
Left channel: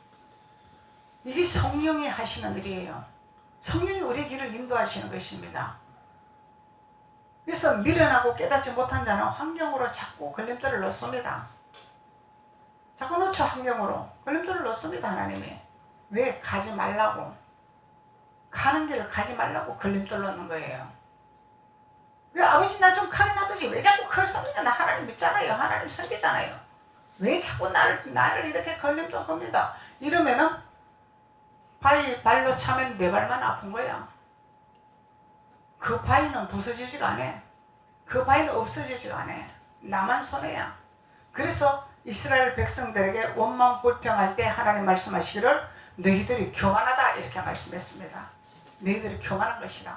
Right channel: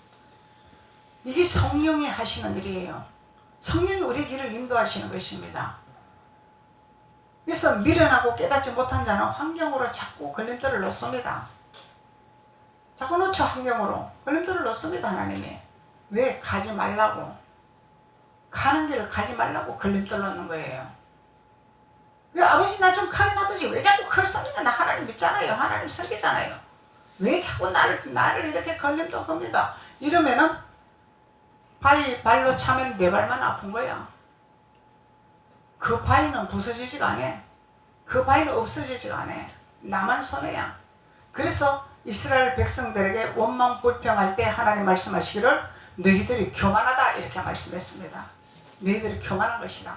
이게 성령이 하시는 일이에요. 성령이 우리의 길을 인도하시는 것입니다. 그래서 미련하고 깨닫지 못한 자는 환경으로 자꾸 걸림돌을 넣습니다. 자꾸 놓쳐. 환경으로 걸림돌을 넣습니다. 하나님이 왜? 가지 말라고, 가는 길을 가지 말라고 걸림돌 넣는 거예요. 왜? 아버지 나 좀 가게 놔두지. 왜 자꾸 그걸 씁니까? 나 하나님 믿잖아요. 하나님 섬기잖아요. 왜 자꾸 나를 이렇게 걸림돌 겁니다. 이러면은 바위 발로 차면 내 발만 아픈 거야. 그 바위는 부서지지가 않아. 그 바위는 없어지지가 않아. 나만 손해야. 그래서 이스라엘 백성들에게 원망 불평할 때 하나님 말씀하시기를 너희들이 교만하다 이렇게 말씀했습니다. 너희들이 교만한 것이다.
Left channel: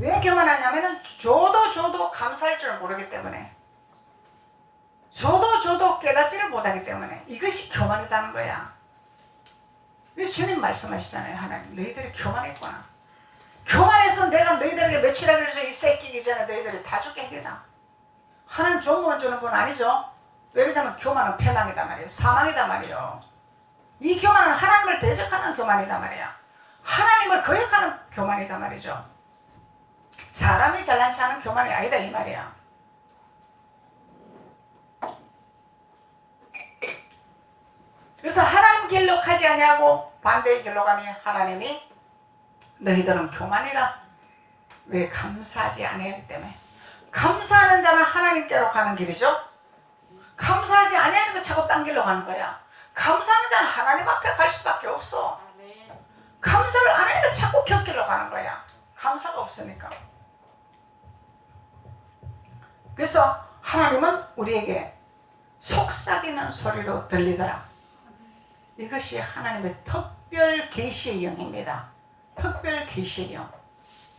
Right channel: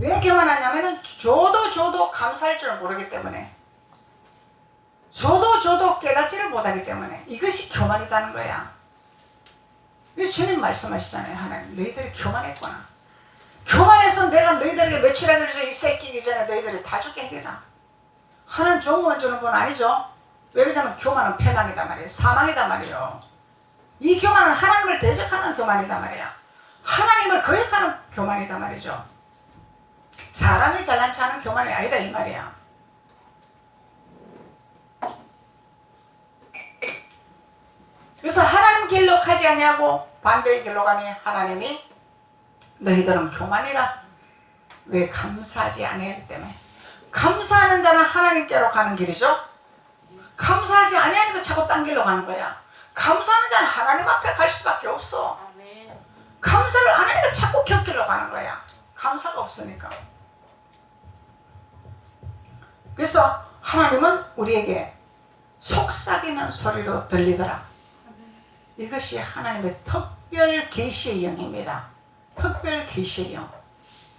왜 교만하냐면은 줘도 감사할 줄을 모르기 때문에, 줘도 깨닫지를 못하기 때문에 이것이 교만이라는 거야. 그래서 주님 말씀하시잖아요. 하나님 너희들이 교만했구나. 교만해서 내가 너희들에게 매출하기를 이 새끼기 전에 너희들이 다 죽게 해라. 하나님 좋은 것만 주는 건 아니죠. 왜냐하면 교만은 폐방이다 말이에요. 사망이다 말이에요. 이 교만은 하나님을 대적하는 교만이다 말이야. 하나님을 거역하는 교만이다 말이죠. 사람이 잘난 체 하는 교만이 아니다 이 말이야. 그래서 하나님 길로 가지 아니하고 반대의 길로 가니 하나님이 너희들은 교만이라. 왜? 감사하지 아니하기 때문에. 감사하는 자는 하나님께로 가는 길이죠. 감사하지 아니하니까 자꾸 딴 길로 가는 거야. 감사하는 자는 하나님 앞에 갈 수밖에 없어. 감사를 안 하니까 자꾸 곁길로 가는 거야. 감사가 없으니까. 그래서 하나님은 우리에게 속삭이는 소리로 들리더라. 이것이 하나님의 특별 계시의 영입니다. 특별 계시의 영,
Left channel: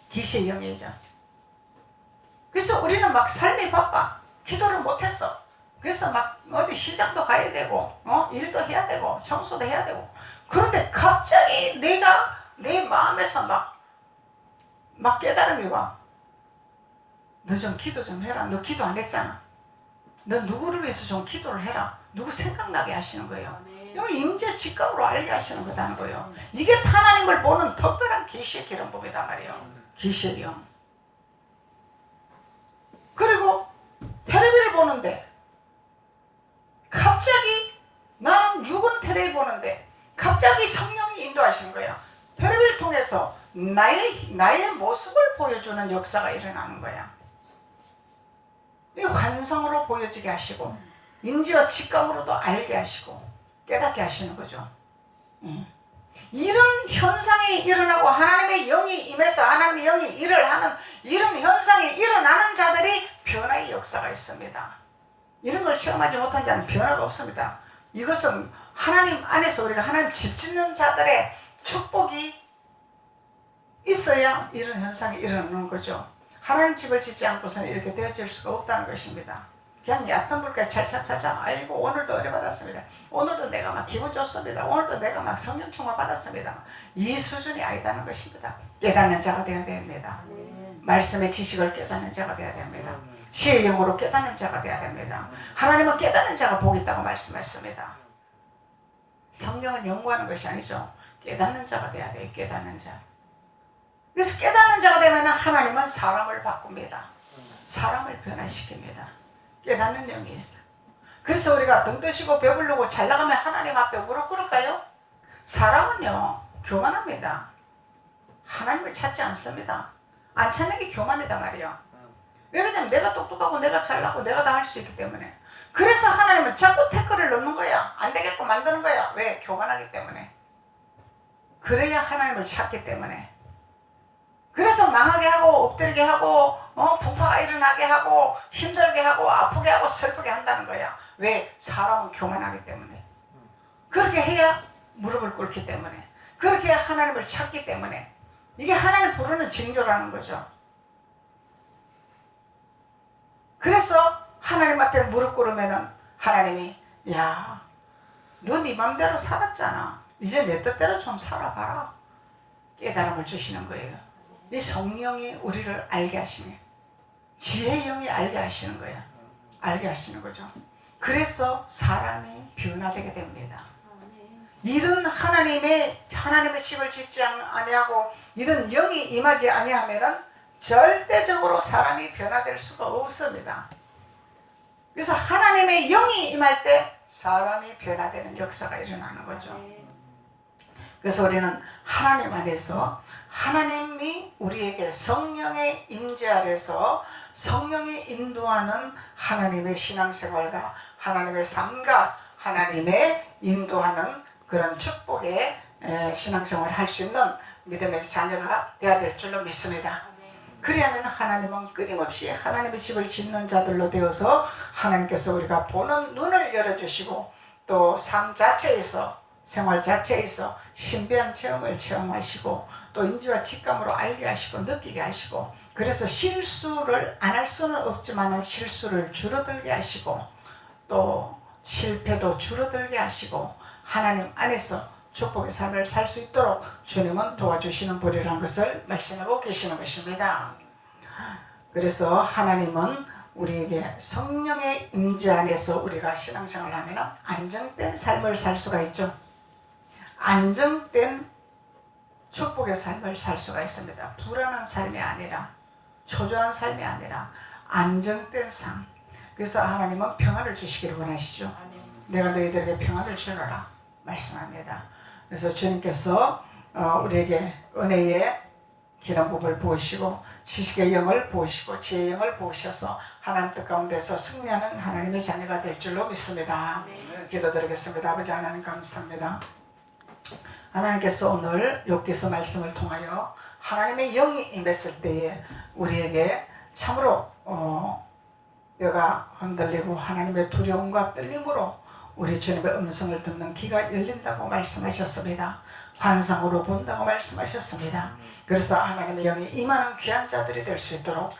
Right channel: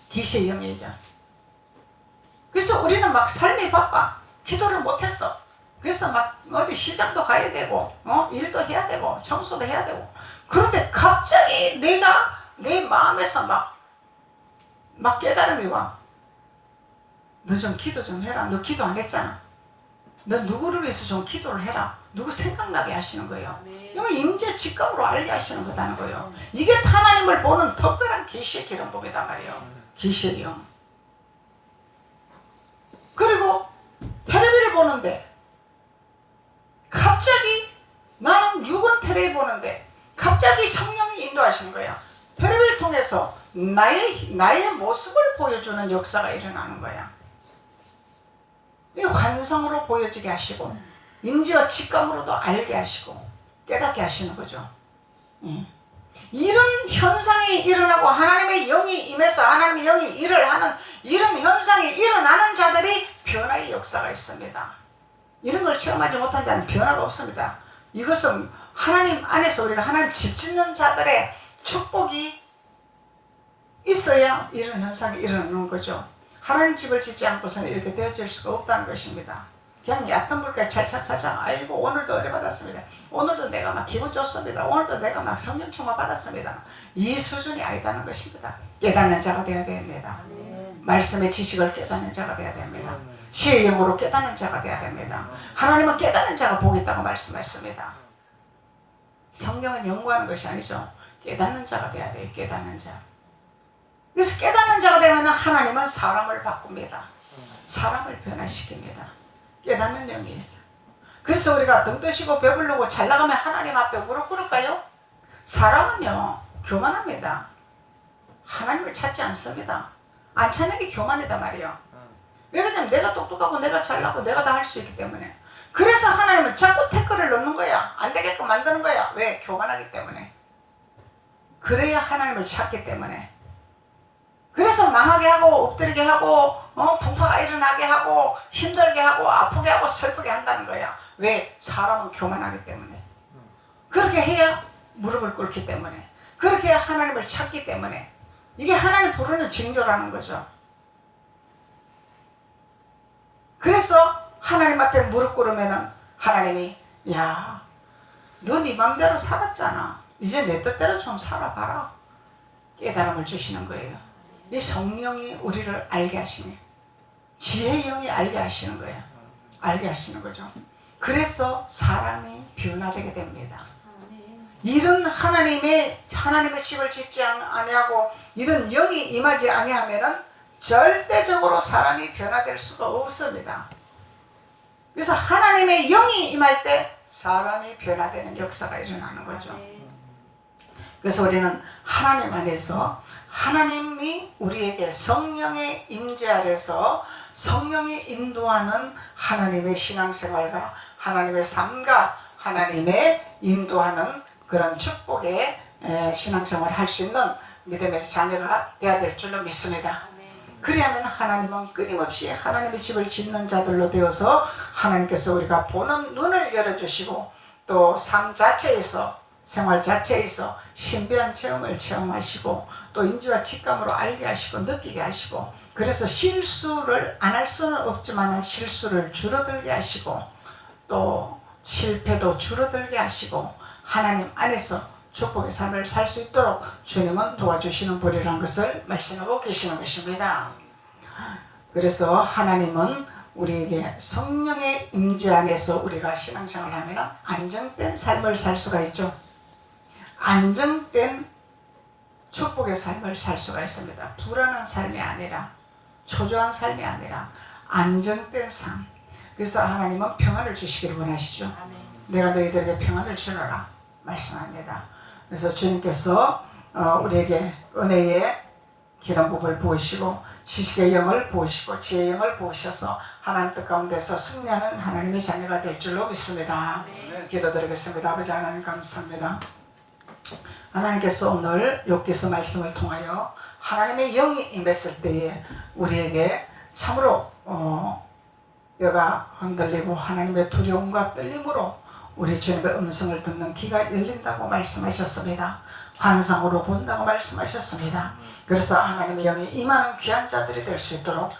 계시의 영이죠. 그래서 우리는 막 삶이 바빠. 기도를 못했어. 그래서 막 어디 시장도 가야 되고, 일도 해야 되고, 청소도 해야 되고. 그런데 갑자기 내가 내 마음에서 막 깨달음이 와. 너 좀 기도 좀 해라. 너 기도 안 했잖아. 너 누구를 위해서 좀 기도를 해라. 누구 생각나게 하시는 거예요. 이거 임재 직감으로 알게 하시는 거다는 거예요. 이게 하나님을 보는 특별한 계시의 기름복이단 말이에요. 계시의 영. 그리고 텔레비를 보는데 갑자기 나는 육은 텔레비 보는데 갑자기 성령이 인도하시는 거야. 텔레비를 통해서 나의 모습을 보여주는 역사가 일어나는 거야. 이 환성으로 보여지게 하시고 인지와 직감으로도 알게 하시고 깨닫게 하시는 거죠. 이런 현상이 일어나고 하나님의 영이 임해서 하나님의 영이 일을 하는 이런 현상이 일어나는 자들이 변화의 역사가 있습니다. 이런 걸 체험하지 못한 자는 변화가 없습니다. 이것은 하나님 안에서 우리가 하나님 집 짓는 자들의 축복이 있어야 이런 현상이 일어나는 거죠. 하나님 집을 짓지 않고서는 이렇게 되어질 수가 없다는 것입니다. 그냥 얕은 물가에 찰싹찰싹 아이고 오늘도 은혜 받았습니다. 오늘도 내가 막 기분 좋습니다. 오늘도 내가 막 성령 충만 받았습니다. 이 수준이 아니다는 것입니다. 깨닫는 자가 되어야 됩니다. 말씀의 지식을 깨닫는 자가 되어야 됩니다. 지혜의 영으로 깨닫는 자가 되어야 됩니다. 하나님은 깨닫는 자가 복이 있다고 말씀했습니다. 성경은 연구하는 것이 아니죠. 깨닫는 자가 되어야 돼요. 깨닫는 자. 그래서 깨닫는 자가 되면 하나님은 사람을 바꿉니다. 사람을 변화시킵니다. 깨닫는 영이 있어요. 그 그래서 우리가 등 드시고 배부르고 잘 나가면 하나님 앞에 무릎 꿇을까요? 사람은요 교만합니다. 하나님을 찾지 않습니다. 안 찾는 게 교만이다 말이에요. 왜 그러냐면 내가 똑똑하고 내가 잘나고 내가 다 할 수 있기 때문에. 그래서 하나님은 자꾸 태클을 넣는 거야. 안 되게끔 만드는 거야. 왜? 교만하기 때문에. 그래야 하나님을 찾기 때문에. 그래서 망하게 하고 엎드리게 하고 부파가 일어나게 하고 힘들게 하고 아프게 하고 슬프게 한다는 거야. 왜? 사람은 교만하기 때문에. 그렇게 해야 무릎을 꿇기 때문에. 그렇게 해야 하나님을 찾기 때문에. 이게 하나님 부르는 징조라는 거죠. 그래서 하나님 앞에 무릎 꿇으면은 하나님이 야, 너 네 맘대로 살았잖아. 이제 내 뜻대로 좀 살아봐라. 깨달음을 주시는 거예요. 이 성령이 우리를 알게 하시네. 지혜의 영이 알게 하시는 거야. 알게 하시는 거죠. 그래서 사람이 변화되게 됩니다. 이런 하나님의 집을 짓지 아니하고 이런 영이 임하지 아니하면은 절대적으로 사람이 변화될 수가 없습니다. 그래서 하나님의 영이 임할 때 사람이 변화되는 역사가 일어나는 거죠. 그래서 우리는 하나님 안에서 하나님이 우리에게 성령의 임재 아래서 성령이 인도하는 하나님의 신앙생활과 하나님의 삶과 하나님의 인도하는 그런 축복의 신앙생활을 할 수 있는 믿음의 자녀가 되어야 될 줄로 믿습니다. 그래야만 하나님은 끊임없이 하나님의 집을 짓는 자들로 되어서 하나님께서 우리가 보는 눈을 열어주시고 또 삶 자체에서 생활 자체에서 신비한 체험을 체험하시고 또 인지와 직감으로 알게 하시고 느끼게 하시고 그래서 실수를 안 할 수는 없지만 실수를 줄어들게 하시고 또 실패도 줄어들게 하시고 하나님 안에서 축복의 삶을 살 수 있도록 주님은 도와주시는 분이라는 것을 말씀하고 계시는 것입니다. 그래서 하나님은 우리에게 성령의 임재 안에서 우리가 신앙생활을 하면 안정된 삶을 살 수가 있죠. 안정된 축복의 삶을 살 수가 있습니다. 불안한 삶이 아니라 초조한 삶이 아니라 안정된 삶. 그래서 하나님은 평안을 주시기를 원하시죠. 내가 너희들에게 평안을 주노라 말씀합니다. 그래서 주님께서 우리에게 은혜의 기름부음을 부으시고 지식의 영을 부으시고 지혜의 영을 부으셔서 하나님 뜻 가운데서 승리하는 하나님의 자녀가 될 줄로 믿습니다. 기도드리겠습니다. 아버지 하나님 감사합니다. 하나님께서 오늘 욥기서 말씀을 통하여 하나님의 영이 임했을 때에 우리에게 참으로 뼈가 흔들리고 하나님의 두려움과 떨림으로 우리 주님의 음성을 듣는 귀가 열린다고 말씀하셨습니다. 환상으로 본다고 말씀하셨습니다. 그래서 하나님의 영이 임하는 귀한 자들이 될 수 있도록